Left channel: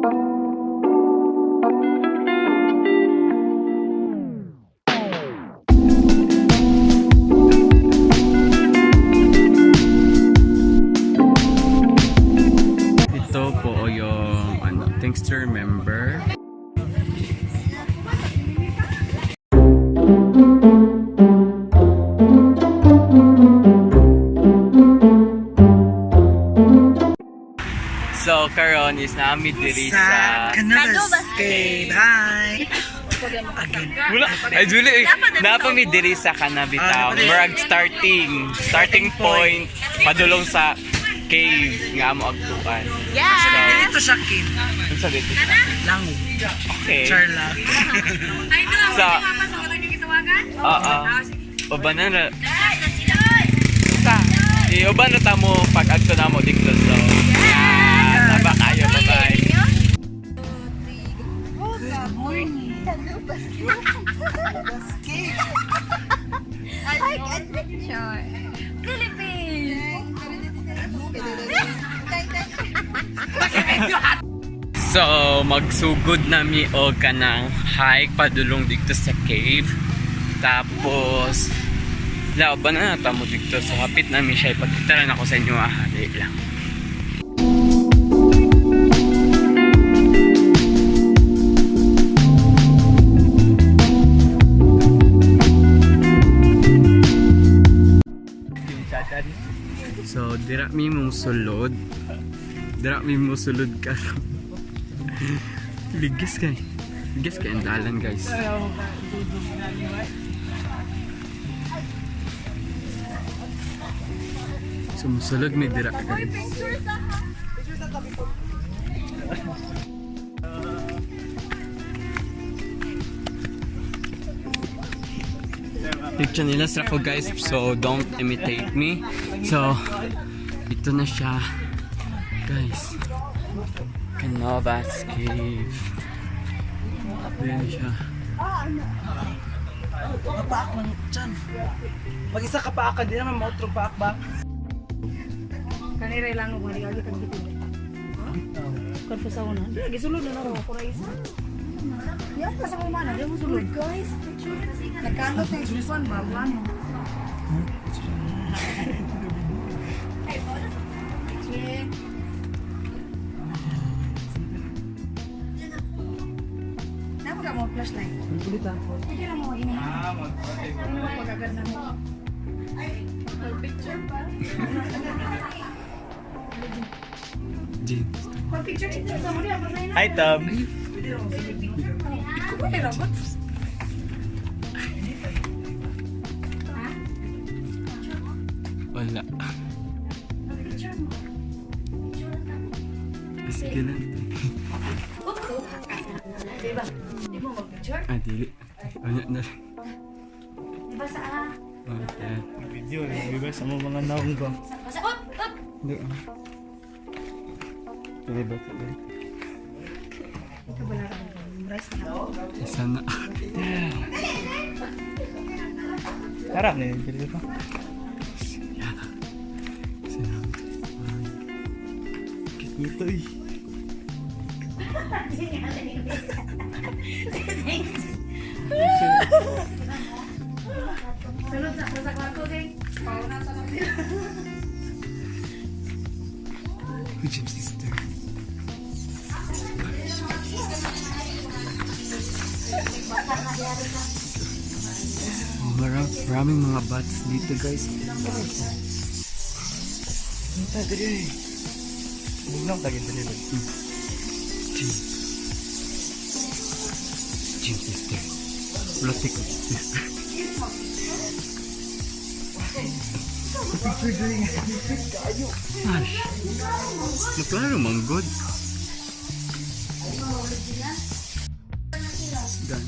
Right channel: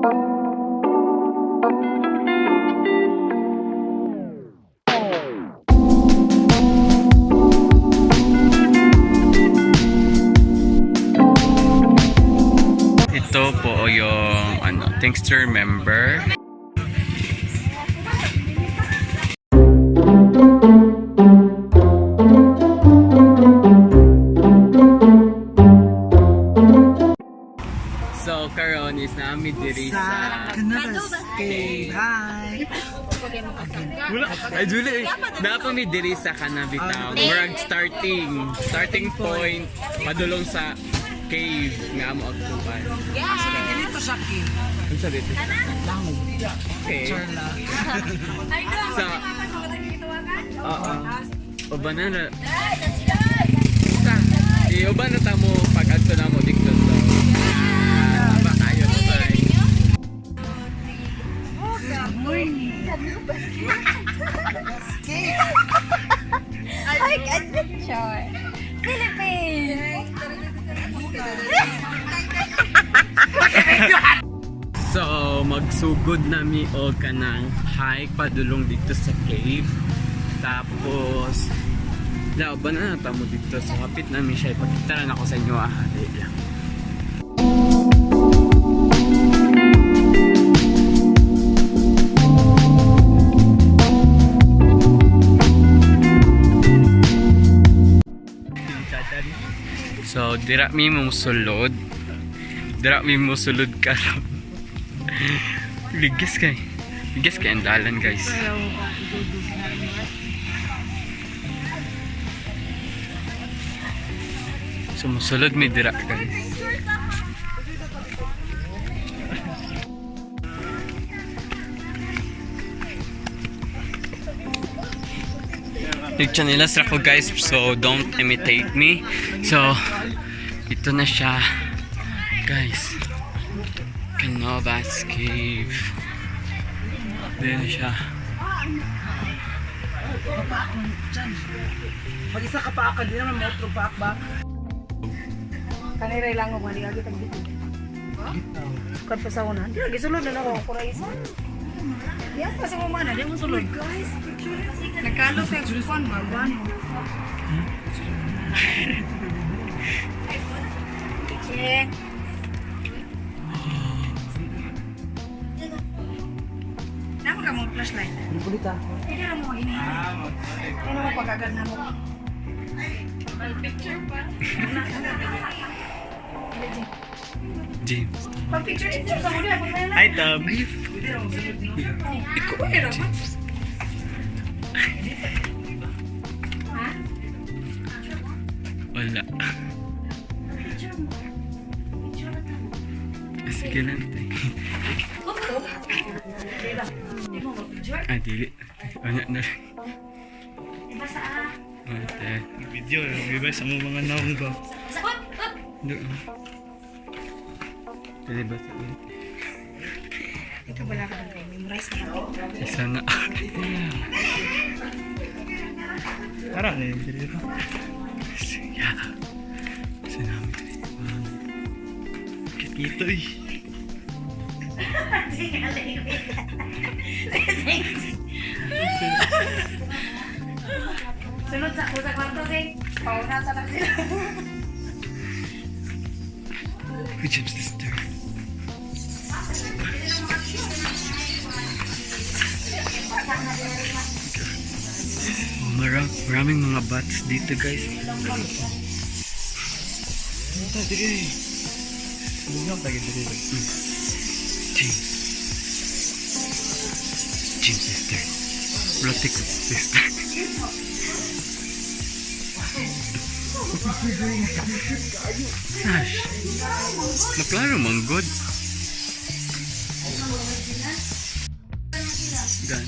Ito po yung thanks to remember. So karon is namin diri sa Canubas. Hi. Again. Wala. Ay duli. Napami diri sa Canabita. Murag starting point padulong sa cave nga amo agtuan. Yeah. Actually, dito sa cave. Unsa dito? Lango. Okay. Charla. Sa uban na uban na tamo pag adto namo dito so. Aba kayo, bye-bye. Good morning. I like adventure. Philippines. So, magsugod nami og kanang hike padulong dito sa cave. Tapos laban na tamo dito so hapit nami siya ipakita na ako sa inyo dali lang. So, dira mi musulod. Dira mi musulod karon. Ligas kay ang dalan, guys. So, musulod mi dira, guys. Picture nila sa ako, guys, so don't imitate me. So ito na siya, guys. Canubas cave. Diyan siya. Mag-isa ka pa ako, di naman mautro pa akbak. Kaniray lang ako manilagay kang dito. Kad pa sa una. Di lagi sulod na ako ko rais. Yan pa sa umana, di mo sulod. Nagkalot ng sulfan ba ano? Sige. Namo ka mo flashlight. Hindi ra mo magini. Ano mo pagagad na mo? Picture pa. James. Picture dito sa mo. Hi, Tom. Ikaw Pwede na, ra ba? James. Ha? Wala. Sige lang. Dili. Ano na. Diba sa Video, iba sa mga naong ba? Doon. Pwede ba ito? Ikaw wala ka ng memorize na ako. Isa na. Tara na yun. Sige. Isa namin ito. Kikito eh. Sunod sa kwarto din. Pauna sa taxi. Which is sister? Oh, maraming mga bats dito, guys. James sister. Blotik sister. Ash. Maklaro man good. Dan.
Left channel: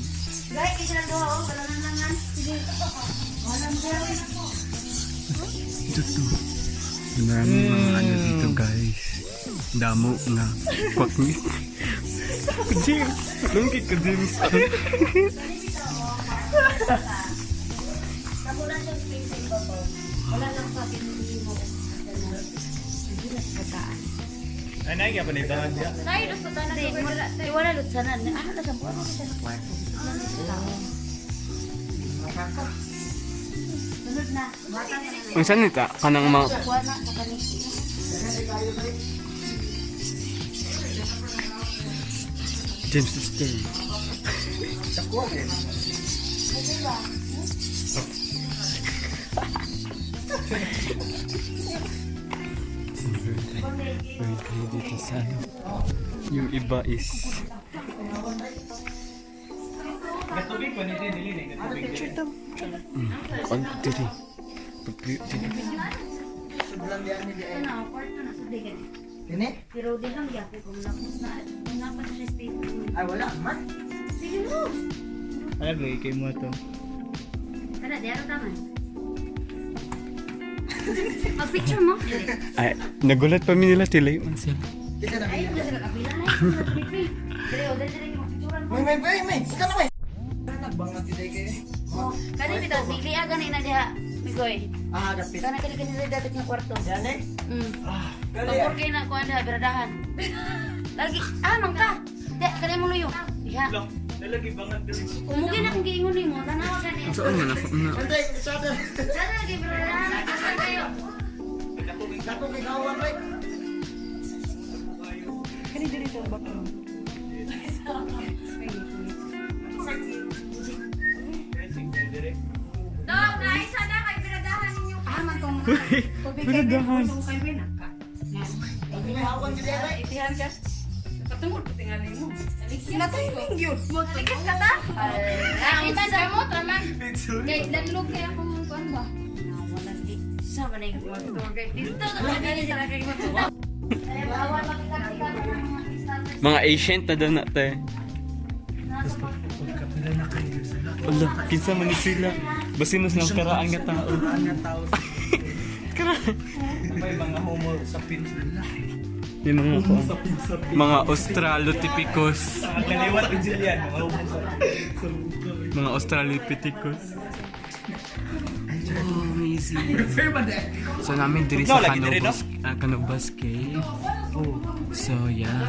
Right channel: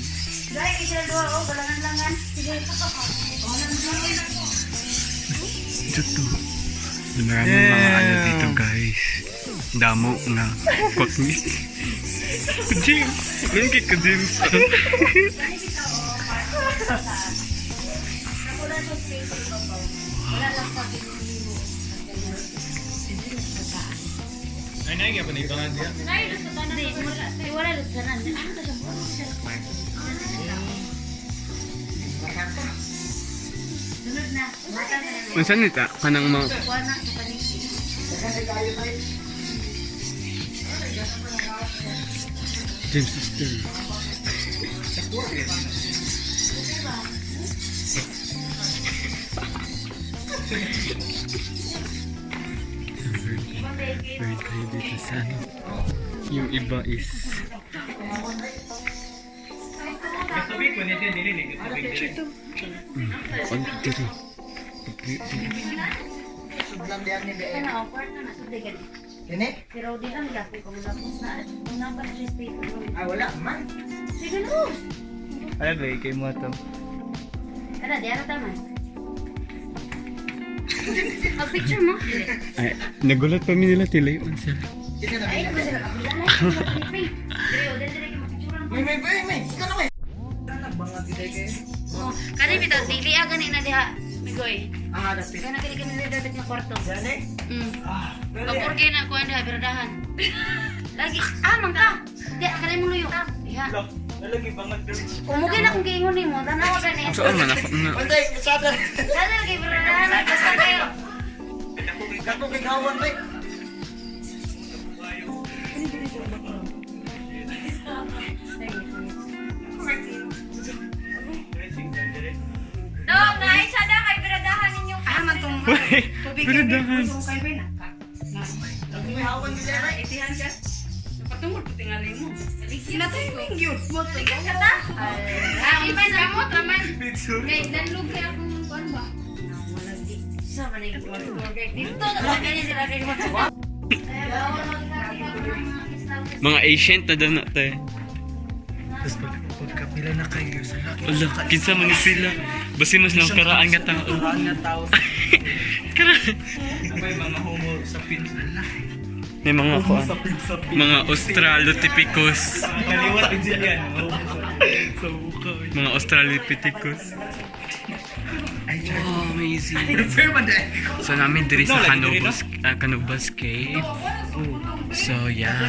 Dahil kisya doon, balangan langan. Dito. Maraming mga ano dito, guys. Damo nga. Pakni. James. Nangkik ka, James. Kaya nga pa na ibangan diya. Wala lutsanan. Sunod na. Matang ka na. Unsa ni ta kanang mga Kuha na sa kanisi. James sister. Very kayo dito sa ano. Yung iba is Gatubig pa nito dili ni gatubig dili. on diri. Ano, kwarto na sa digan. Ini? Pero di lang lapi kung lapos na. Napat respect. Ay, wala man. Sige no. Ay ba kay mo to. Ano, di ano taman? Ang picture mo? Ay, nagulat pa mi nila tilay unsa. Ito na Ay, bilhin. kasi nakabilan. Pero, dito yung picturean ko. May. Ikaw na may. Nagbangat kita kayo. Oh, kani bitaw dili gani na diha. Migoy. Ah, dapit. Kana kini dapat nga kwarto. Yan eh. Ah, Pagpurgay na ko anda berdahan. Lagi mangka. Di kanay mo nuyo. Diha. Lo, lagi bangat diri. Umugay na kung giingon nimo, tanaw ka ni. Saan man ako na Pantay, usada. Sana lagi berdahan basta kayo. Dako kay gawan bay. Dok, naay sada kay berdahan ninyo. Man tong tubig kay Berdahan. kay Wina. May hawan gid bay. Itihan ka. Katungod tingali mo. Sinatay mo gyud. Mo to ka ta? Ibay sa mo traman. Kay nanlog kay akong kuan ba? Wala di. Sa man yung order dito na gani sila kay mo. mga ancient na daw na tayo. Tapos pagkapila na kayo sa laki. Ala, kinsa man ni sila. Basi mas lang karaan nga tao. Nga tao. Karaan. May mga homo sa Pilipinas. May mga kuan. Mga Australopithecus. Kaliwat din sila yan. Sa buka. Mga Australopithecus. Wow, amazing. Firma dai. So namin diri sa Canubas Cave. So yeah.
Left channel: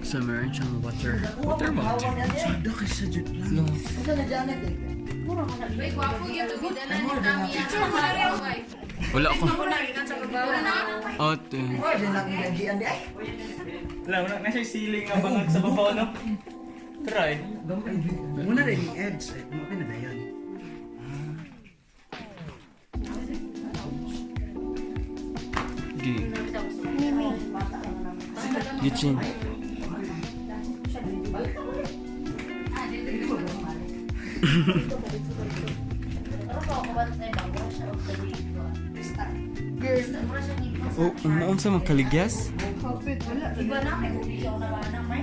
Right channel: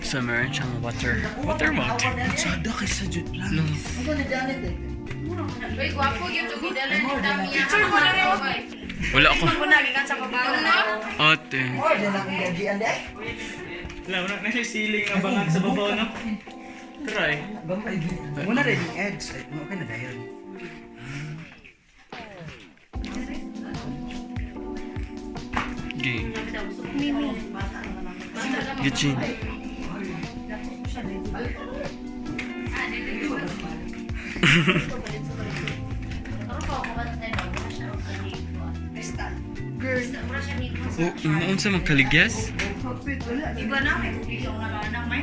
So meron siyang water bottle. Sada kay sa jud lang. No. Ano na Janet eh? Wala ako. Ate. Oh, di na kong gajian dai. Wala, wala na siya siling abangan sa babaw no. Try. Gamay. Muna rin yung eggs. Ay, okay na dayon. Gi. Gichin. Oh, umaon sa magkaligyas? Iba na may video na ba na may?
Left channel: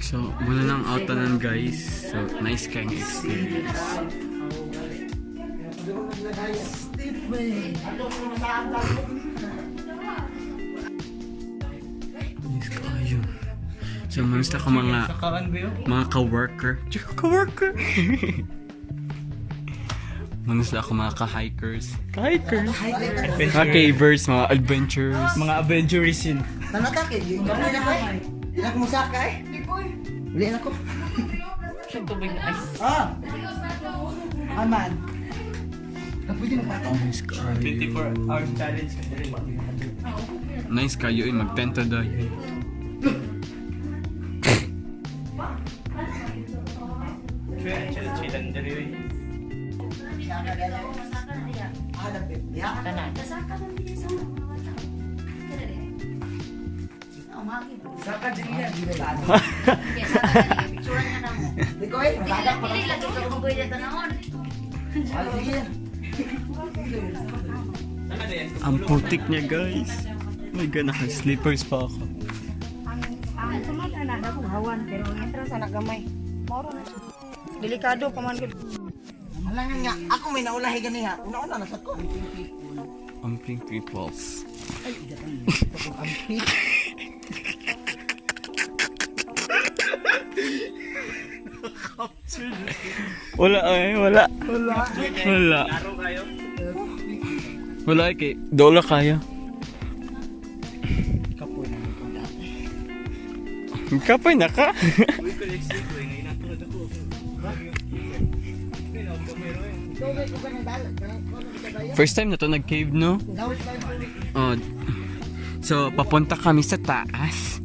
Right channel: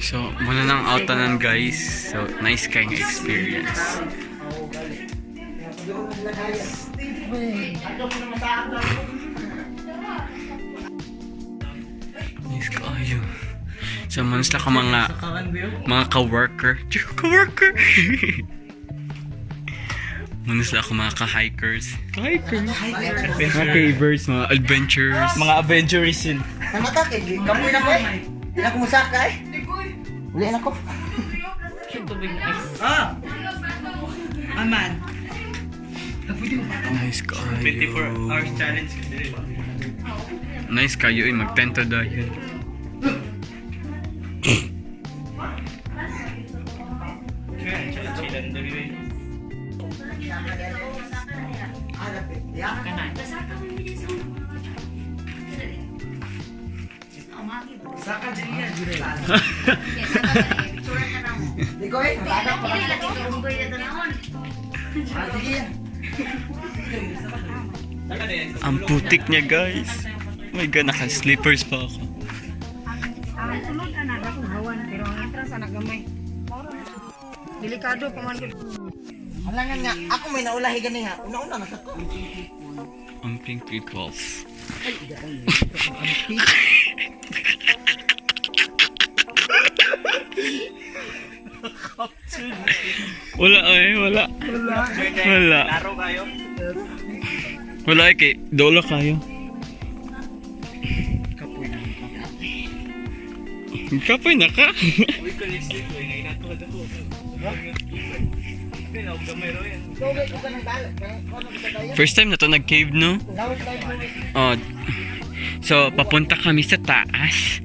So, muna nang outanan guys. So, nice kind of experience. Nice kayo. So, manos na ka mga ka-worker. Ka-worker! Manos na ako mga ka-hikers. Mga cavers, mga adventures. Mga adventurous yun. Ano ka kay? Kami na ko. Di na ko musaka eh. Uli na ko. Ah. Aman. Nice kayo. 24 hours challenge. Nice kayo eh, mag-tento dahil. Saka din yan. Di ko eh, magadak pa lang. Ah, sige yan. Ang putik niya guys. Oh my god, naka-slippers pa ako. Ang sunod na akong hawan pero ang entrance anak gamay. Delikado pa man gid. Alangan nga, ako may naulahi ganiha. Una-una na sa ko. Ang pink peoples. Wala eh, wala. Wala. Wala eh, kay dola kayo. Kapoy na ka. First time na to nag-cave, no? Oh. So, papunta kami sa taas.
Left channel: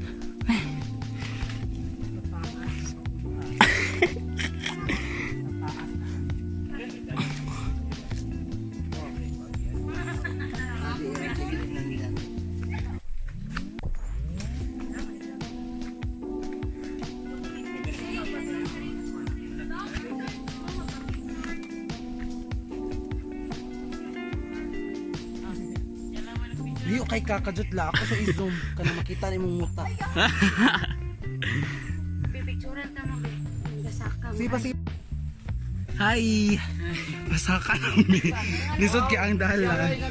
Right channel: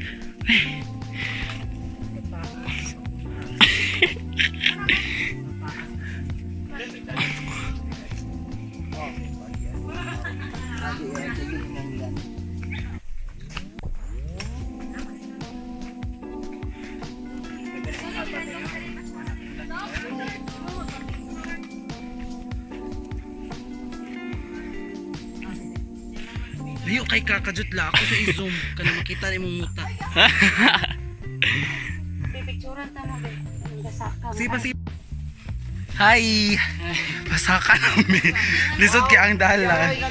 Layo kay kakajut la ako sa i-zoom kana makita nimong muta. Pipicturean ta mo. Basaka. Sipa. Hi. Pasaka namin. Lisod kay ang dalan.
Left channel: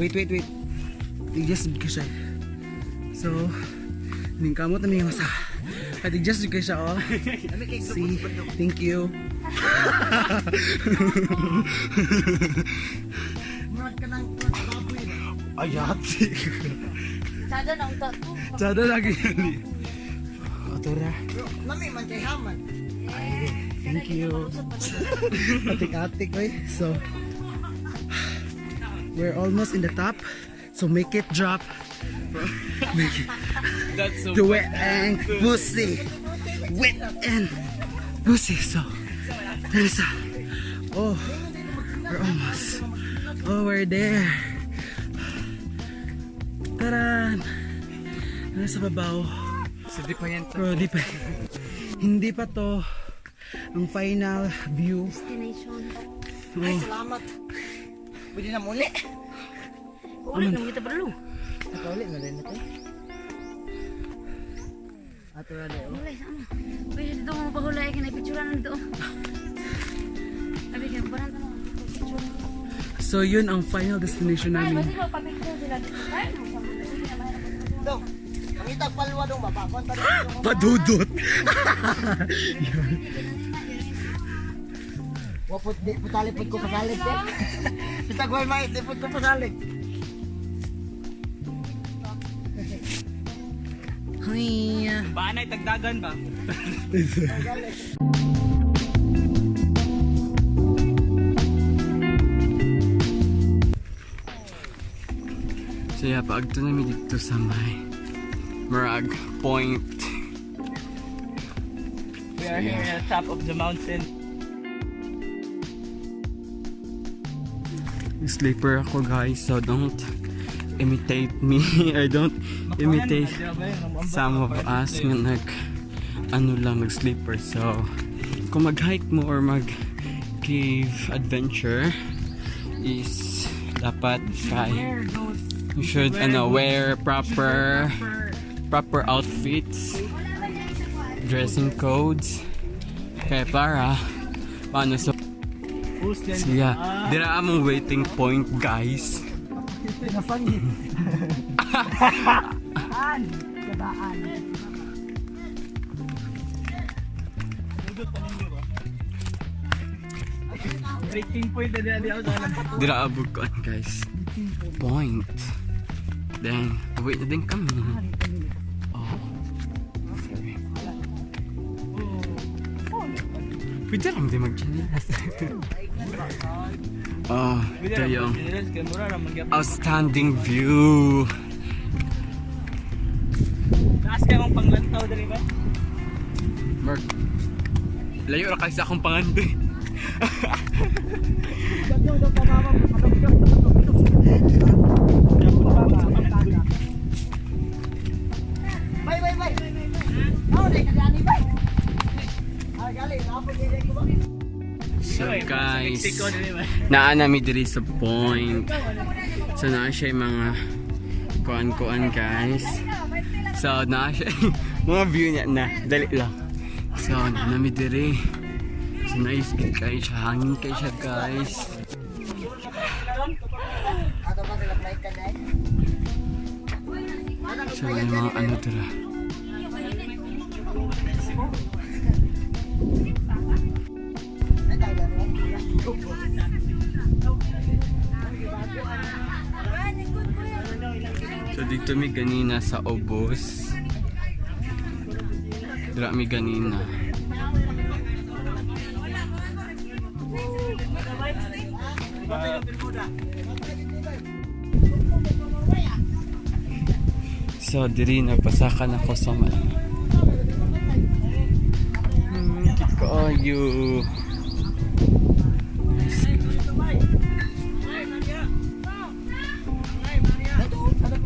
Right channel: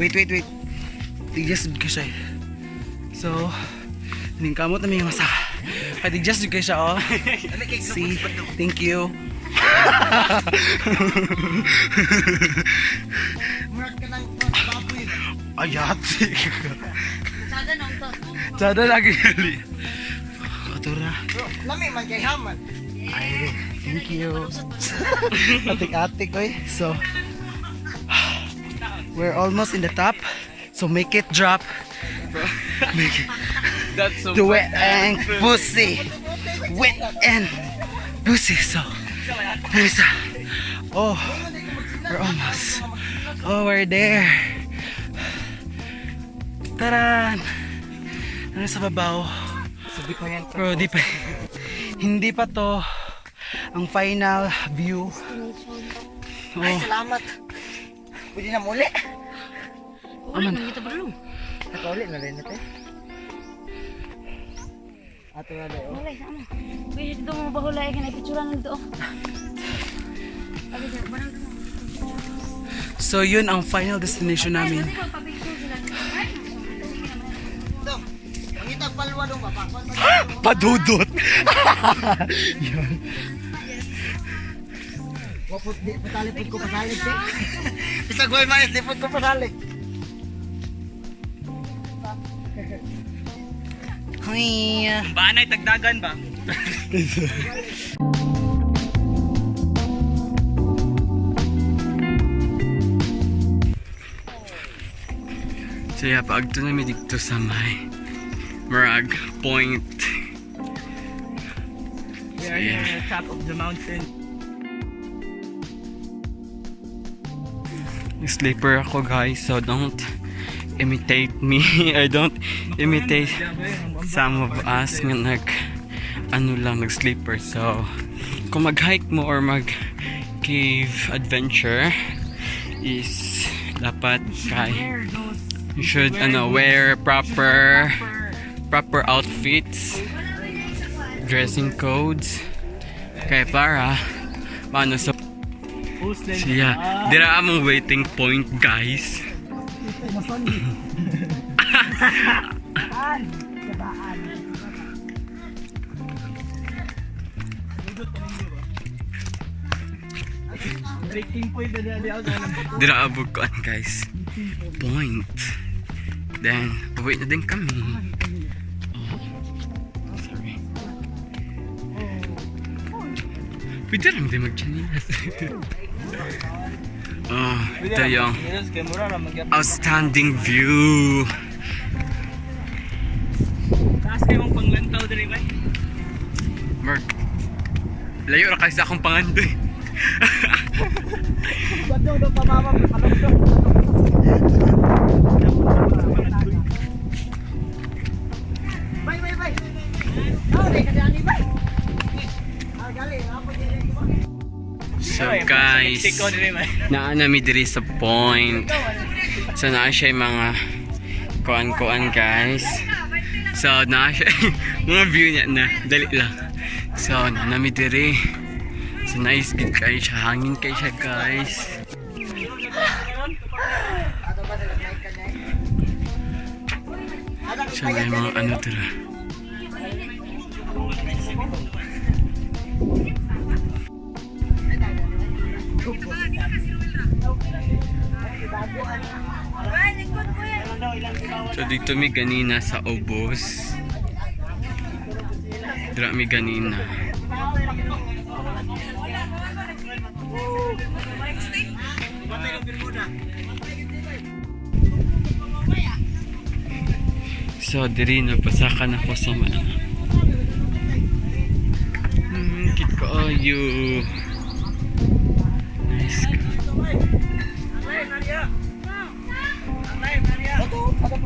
Wait. Tigjas ka siya. So, ning kamot na may masa. Tigjas ka siya oh. See, thank you. Murag ka ng baboy. Ayat. Sada nang to. Sada lagi gali. Atura. Lami man kay haman. Ay, thank you. Atik-atik oy. So, we're almost in the top. So make it drop. Make it. That's so The wet and pussy. Wet and pussy. So, there's a. Oh, we're almost. Oh, we're there. Taran! Ano sa babaw? Sabi pa yan. Bro, di pa. Hindi pa to ang final view. Ay, Oh, salamat. Pwede na muli. Uli mo kita bro. Nakauli na rin natin. Ato na rin. Mulai sama. Pwede dito mo bahulay ka na ipicturean na dito. Abi ka barang mo. so yun ang final destination namin. Dong, kita palwa dong mapapan. Padudot! Yun. Wapot di patalipod ko pasalig te. Isa goy mais di pod ko pasalig. Huy! Baanay tagdagan ba? So yeah, paagto namin dito sa may Marag Point. So yeah. Top of the mountain. Sleeper ako guys, so don't imitate me. I don't imitate some of us nga nag sleeper. So kung mag-hike mo or mag-cave adventure is dapat you should wear proper outfits, dressing codes kay para paano sa siya. Dira among waiting point guys. Dira abukuan guys. Point. Then, wait na din kami. Oh. Pwede lang din mag-genius. Oh, ito yung outstanding view. Taas kayo mong panglantaw dali ba? Mark, layo na kayo sa akong pangandoy. Bye. Oh, di kadani bye. Ah, gali, apa dili ko ba? So guys, naa nami diri sa point. So naa siya yung mga kuan guys. So naa siya mga view niya na dali lang. So naa nami diri So nice gid kay siya, hangin kay siya guys. So may mga ano dira. So dito mi ganina sa ubos. Dira mi ganina. So diri na pasakan ako sa mga kit ko ayo. Nice ka.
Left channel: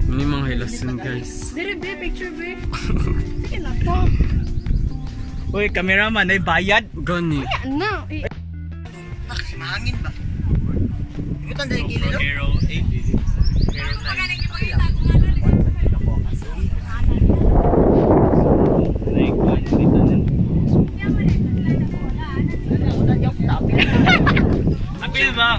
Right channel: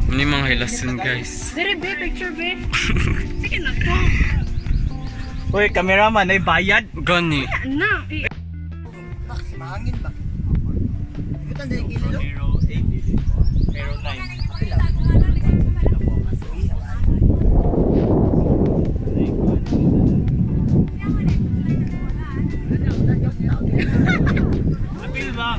Ini mga hilasun guys. Dire be picture be. Sige na po. Uy, cameraman, ay bayad. Gani. Na. Mahangin ba? Ikutan dali gilid do. Arrow 8. Arrow 9. Apil ba?